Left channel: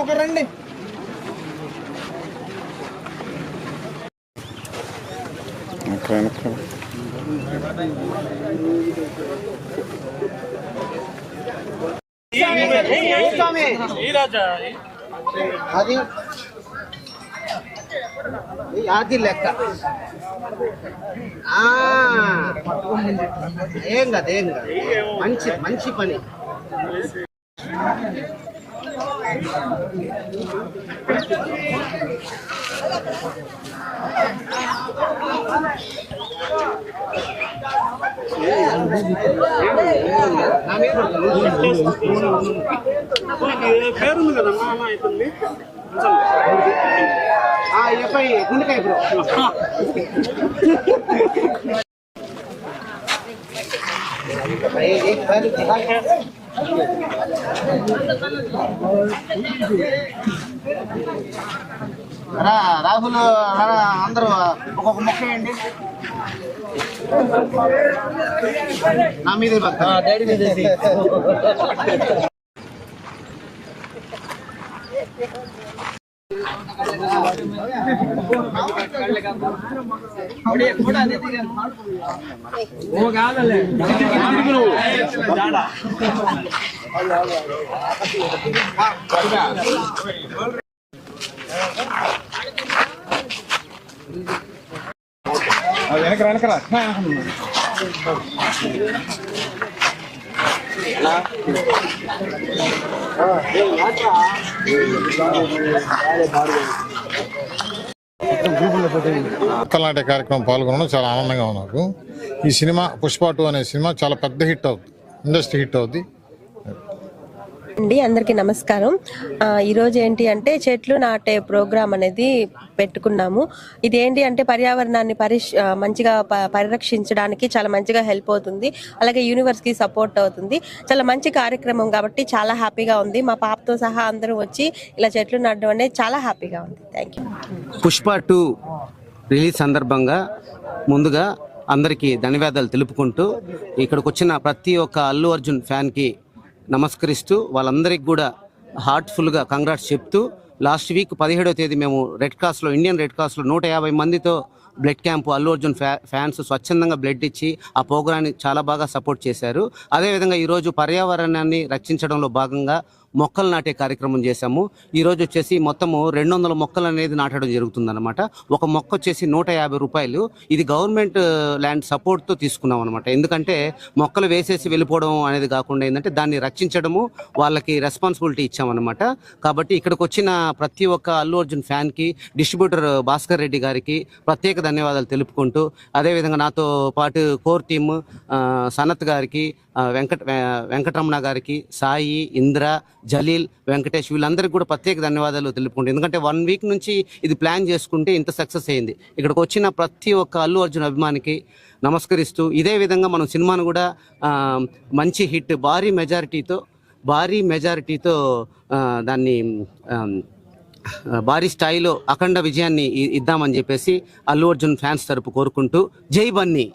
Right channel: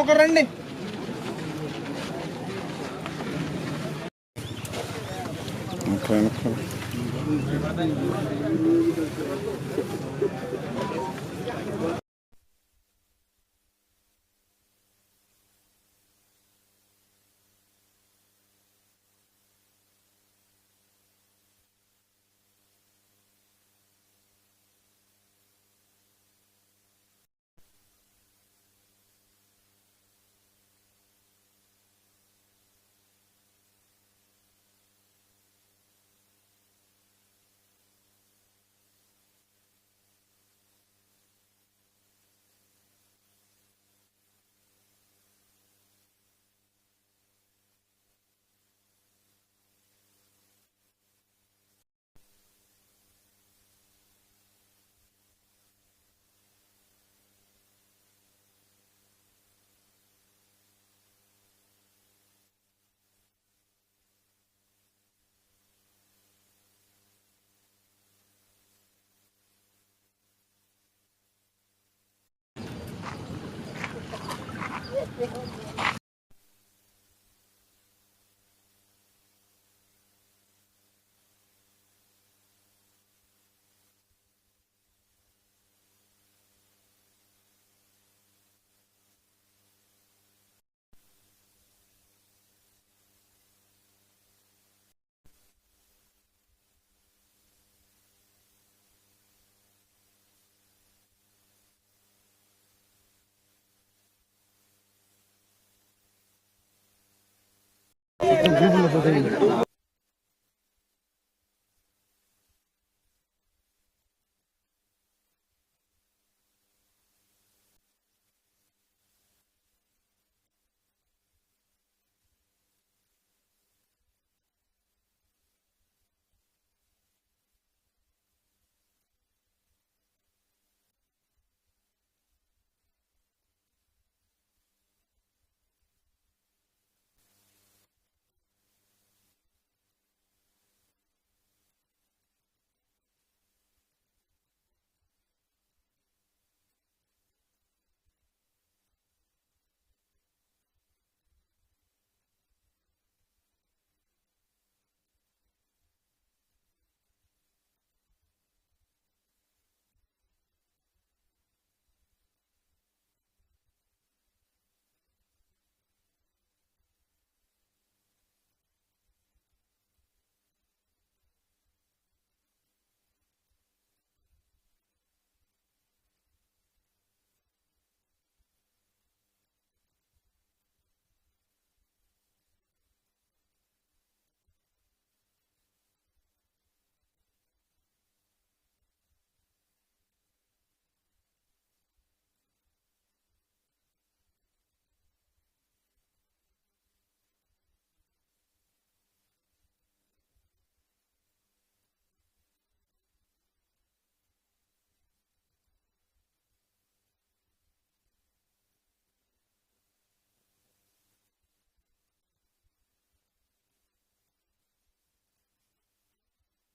ఒక రండి అది అది లెక్క ఏం కాదు ఏం కాదు మంచి మంచి పని పేరుంది కదమ్మా అమ్మ అవుతుంది గుండెకాయ బ్రో రాహుల్ అందరూ ఒక్కొక్క మొక్క వేయండి నా మీద డాడీ మీద వెనకరా మొక్కలాంటి కార్యక్రమం పాల్గొనడం చాలా ఆనందంగా ఉన్నారు. ఈ సినిమా పుష్ప 2 అనే సినిమా చాలా పెద్ద హిట్ అవుతుంది, ఇండస్ట్రీ హిట్ అవుతుంది. అందరికీ నమస్కారం. ఈరోజు ఏంటి అంటే చెట్లు నాటే ప్రోగ్రాం అనేది పెట్టుకున్నాము. ఇది ఏంటి అంటే పర్యావరణాన్ని మంచిగా పరిరక్షించడానికి చాలా మంచిగా హెల్ప్ అవుతుంది. అలాగే యూనివర్స్కి సపోర్ట్ అవుతుంది. చాలా మంచి కార్యక్రమం కాబట్టి చాలా హ్యాపీగా ఉంది. మా పాపతో సహా అందరూ వచ్చి ఇలా చెట్లు నాటడం అనేది చాలా హ్యాపీగా ఉంది. Thank you. పుష్ప 2 రిలీజ్ సందర్భంగా ముందుగా అందరికీ ధన్యవాదాలు తెలుపుకుంటూ ఇక్కడికి వచ్చిన ప్రతి ఒక్క అల్లు అర్జున్ ఫ్యాన్కి నమస్కరిస్తూ వాళ్ళందరికీ కూడా హార్ట్ఫుల్గా కంగ్రాట్స్ చెప్తూ లాస్ట్ వీక్ 17వ తేదీ మేము ఇండియన్ రెడ్ క్రాస్లో 150 మందితో blood camp Allu Arjun fans స్వచ్ఛందంగా బ్లడ్ ఇచ్చి ఆ ప్రోగ్రాన్ని చాలా బాగా సపోర్ట్ చేశారు. అదేవిధంగా ఈరోజు పర్యావరణాన్ని రక్షించడంలో భాగంగా మొక్కలు నాటే కార్యక్రమం చేశాము. ఈరోజు వచ్చేసి మొత్తము 200 మొక్కలు అనేది నాటడం జరుగుతుందన్నమాట. ఒక మొక్క వచ్చేసి 150 రూపాయలు. ఇది గవర్నమెంట్ ల్యాండ్ సపోర్ట్తో తీసుకున్నాం అనమాట. ఎందుకంటే మొక్కలు వేసేసి వెళ్ళిపోవడం అనేది కాకుండా ఏంటంటే దాన్ని రక్షించడము వాళ్ళకి రెస్పాన్సిబిలిటీ ఇచ్చామన్నమాట. కాబట్టి ఇక్కడికి వచ్చిన ప్రతి ఒక్క అల్లు అర్జున్ ఫ్యాన్కి డిస్ట్రిబ్యూటర్ భాస్కర్ రెడ్డి గారికి ప్రత్యేక ధన్యవాదాలు తెలుపుకుంటూ అదేవిధంగా నాతో పాటు కోర్ టీమ్ సనత్ గారికి, వెంకటరమణ గారికి, సాయి, ఇంద్ర, జలీల్, వెంకటేష్ వీళ్ళందరికీ కూడా ప్రత్యేక ధన్యవాదాలు తెలుపుకుంటాం. ఎందుకంటే 1 వీక్ నుంచి ఇది ప్లాన్ చేసుకుంటే ఇంత సక్సెస్ అయింది. ఇక్కడికి వచ్చిన ప్రతి ఒక్క అల్లు అర్జున్ అభిమానికి నమస్కరిస్తూ ఇదే విధంగా మనం సినిమాను కూడా మంచి హిట్ భారీ మెజారిటీతో దాన్ని భారీ స్థాయిలో అఖండ విజయాన్ని ఇద్దామని చెప్పేసి అల్లు అర్జున్ ఫ్యాన్స్ తరపు కోరుకుంటూ జై బన్నీ.